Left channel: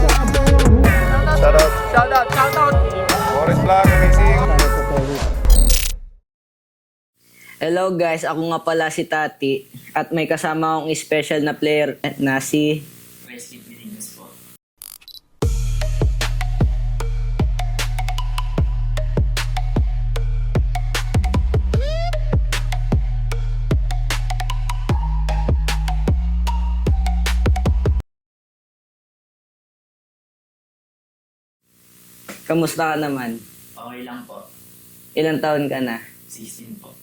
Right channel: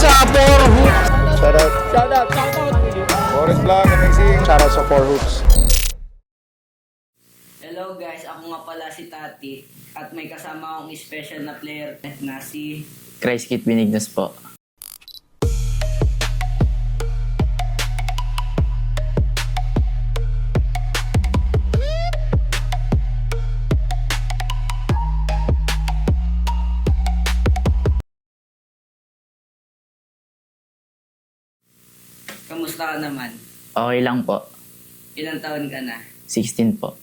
sa Four Hoops. Shoutout. Shoutout. Boris Vlog, amazing. Shoutout sa Four Hoops. Hello guys, ako nga pala si Tati at may kasama akong special na player na si Christ Kit Benignos po. Kamusta ka naman? Okay lang po. Ilang taon ka na? 16 po.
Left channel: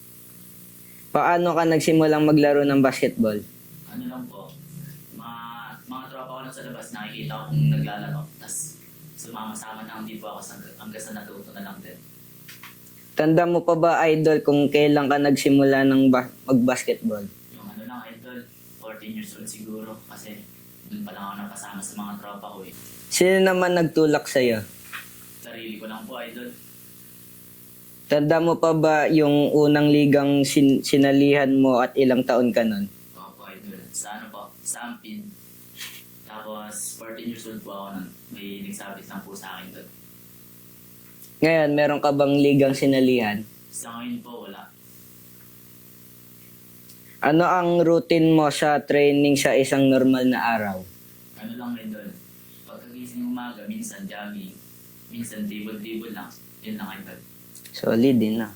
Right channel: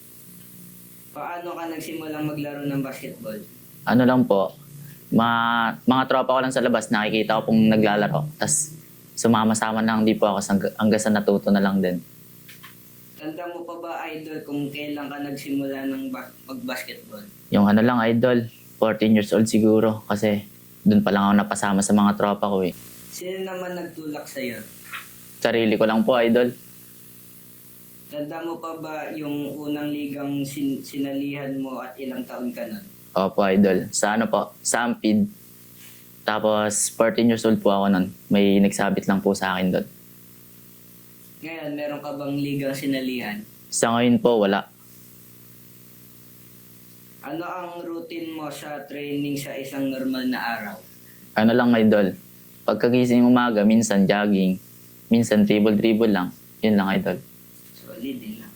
Paano ka nagsimulang maglaro ng basketball? Ano lang po, mga tropa ko lang sa labas, nakikita ko pong naglalaro. Tapos sumama-sama lang, hindi po ako hanggang sa natuto na lang din. Tanda mo pa ba, idol, kung kailan ka nagsimula ng mag-basketball? Yung ano lang, idol, 14 years old siguro. Kasi dun pa lang ako napasama sa mga tropa ko eh. Sino naman nagtulak sa'yo? Sarili ko lang po, idol. Tanda mo pa ba yung unang ligang sinalihan mo at ilang taon ka nun? Opo, idol. Sa ano po, sa Ampid. Tapos 14 years old po ako nun. May nagsabit lang po sa akin doon. Ngayon, meron ka bang ligang sinalihan? Sa ngayon po, wala. Ano ang routine mo sa training sa isang normal na araw? Ano lang, idol. Pagkagising umaga, minsan jogging. Minsan dribble lang. Yun lang, idol. Solid din na.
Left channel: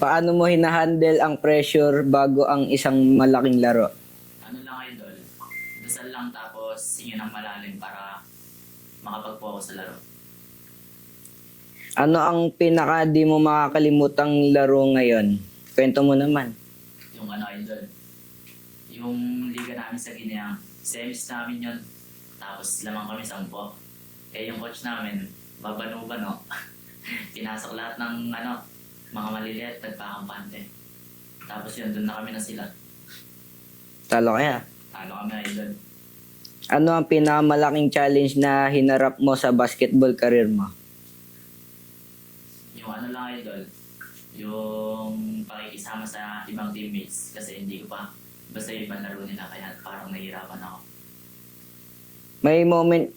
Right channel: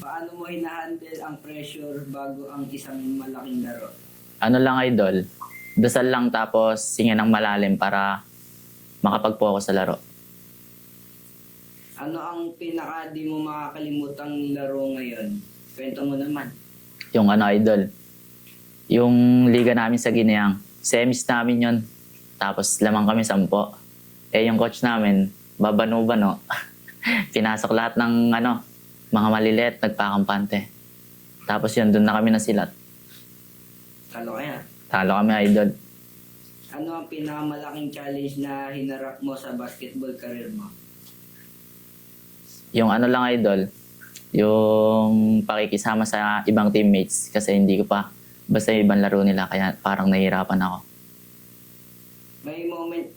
Paano mo hinahandle ang pressure bago ang isang malaking laro? Ano lang, idol. Dasal lang tapos singa ng malalim para makapag-focus sa laro. Ano ang pinaka di mo makakalimutang laro ngayon? Kwento mo naman. Yung ano, idol. Yung liga namin sa Gineang. Semis namin yun. Tapos lamang kami 10. Eh yung coach namin, babano-bano. Pinasok lahat ng ano, mga maliliit, nagpakampante. Tapos yun, doon na kami nasilat. Talo kaya. Talo kami, idol. Ano ang pinakamalaking challenge na hinarap mo sa basketball career mo? Yung ano lang, idol, yung pakikisama sa ibang teammates kasi hindi ko pa basta yung ibang laro nila kaya parang nahihirapan ako. May moment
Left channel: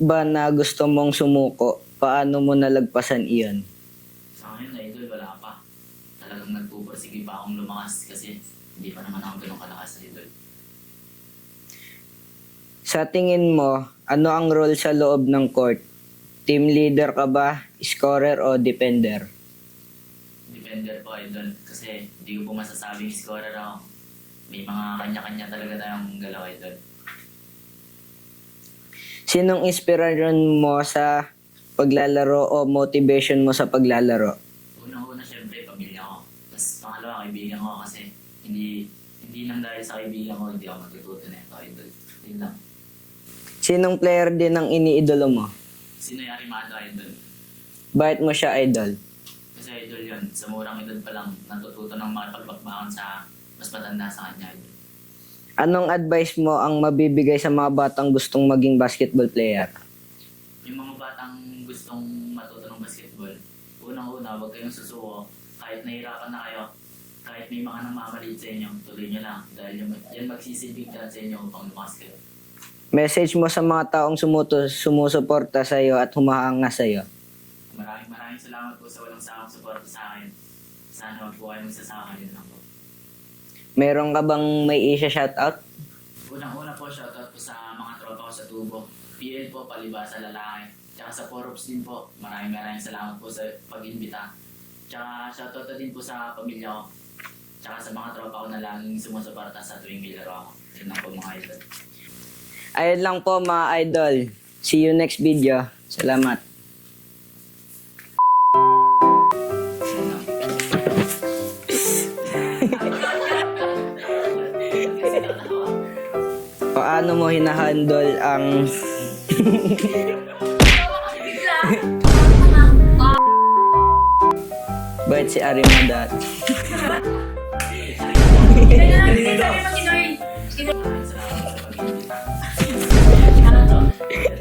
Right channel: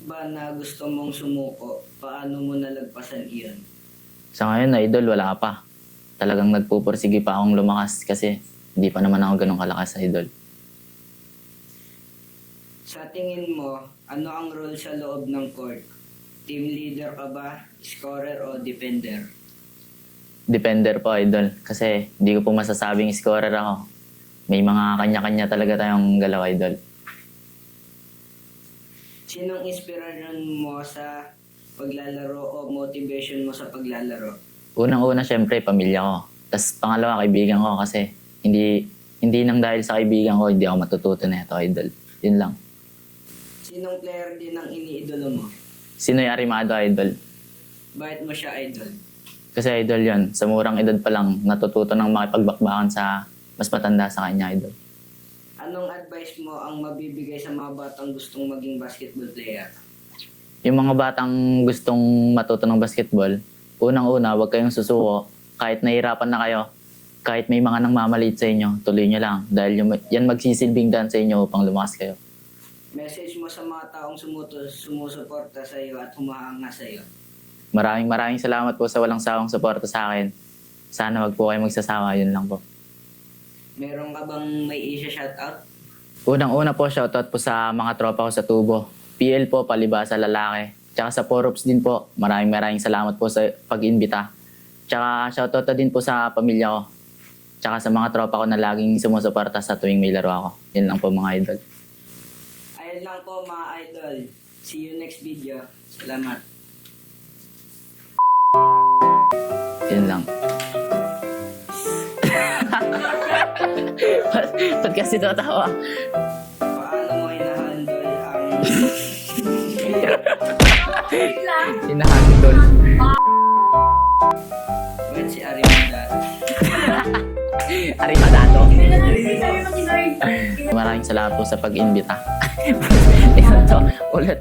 ba na gusto mong sumuko? Paano mo nalagpasan iyon? Sa ngayon, idol, wala pa. Talagang nagpupursige pa akong lumakas kasi hindi pa naman ako ganun kalakas, idol. Sa tingin mo, ano ang role sa loob ng court? Team leader ka ba, scorer o defender? Defender po, idol. Kasi hindi ko po masasabing scorer ako. May mga kanya-kanya talaga tayong galaw, idol. Sinong inspirasyon mo sa paglalaro o motivation mo sa paglalaro? Unang-una, syempre, pamilya ko. Tapos pangalawa, kaibigan ko kasi hindi nang dahil sa kaibigan ko, hindi ako matututo na ito, idol. Yun lang. Sinong player din ang iniidolo mo? Sinoy Arimado, idol. Bakit mo siya idol? Kasi idol yun, sa murang edad pa lang, natututo ng makipagbakbakan sa mas matanda sa kanya, idol. Anong advice mo ang mabibigay sa mga batang gustong maging basketball player? Yung mga batang gustong matuto ng basketball, unang-una, huwag kayong susuko. Kahit nahihirapan na kayo, kahit may mga nangmamaliit sa inyo, tuloy nyo lang. Dahil yan magsisilbing daan sa inyo upang lumakas kayo. Message mo sa mga taong sumusuporta sa iyo at humahanga sa iyo. Maraming salamat po sa walang sawang suporta sa akin. Sana wag po kayo magsasawa, yun lang po. Meron ka bang may isa-shoutout? Unang-una po, shoutout po sa mga tropa ko sa Tubo. PL po, palibasa lalaki. Tsaka sa Porops din po, maraming salamat po sa pag-imbita. Tsaka shoutout na din po sa pamilya ko. Tsaka sa mga tropa ko na laging sumusuporta sa tuwing may laro ako. Yun lang po mga idol. Ayun lang po mga idol. See you next video. Salamat. Yun lang. Ba't kasi tatawa? Paano mo hinahandle ang... Hinahandle. Bakit si Arianda? Arimanado. Maraming salamat po sa pag-imbita. Ulit.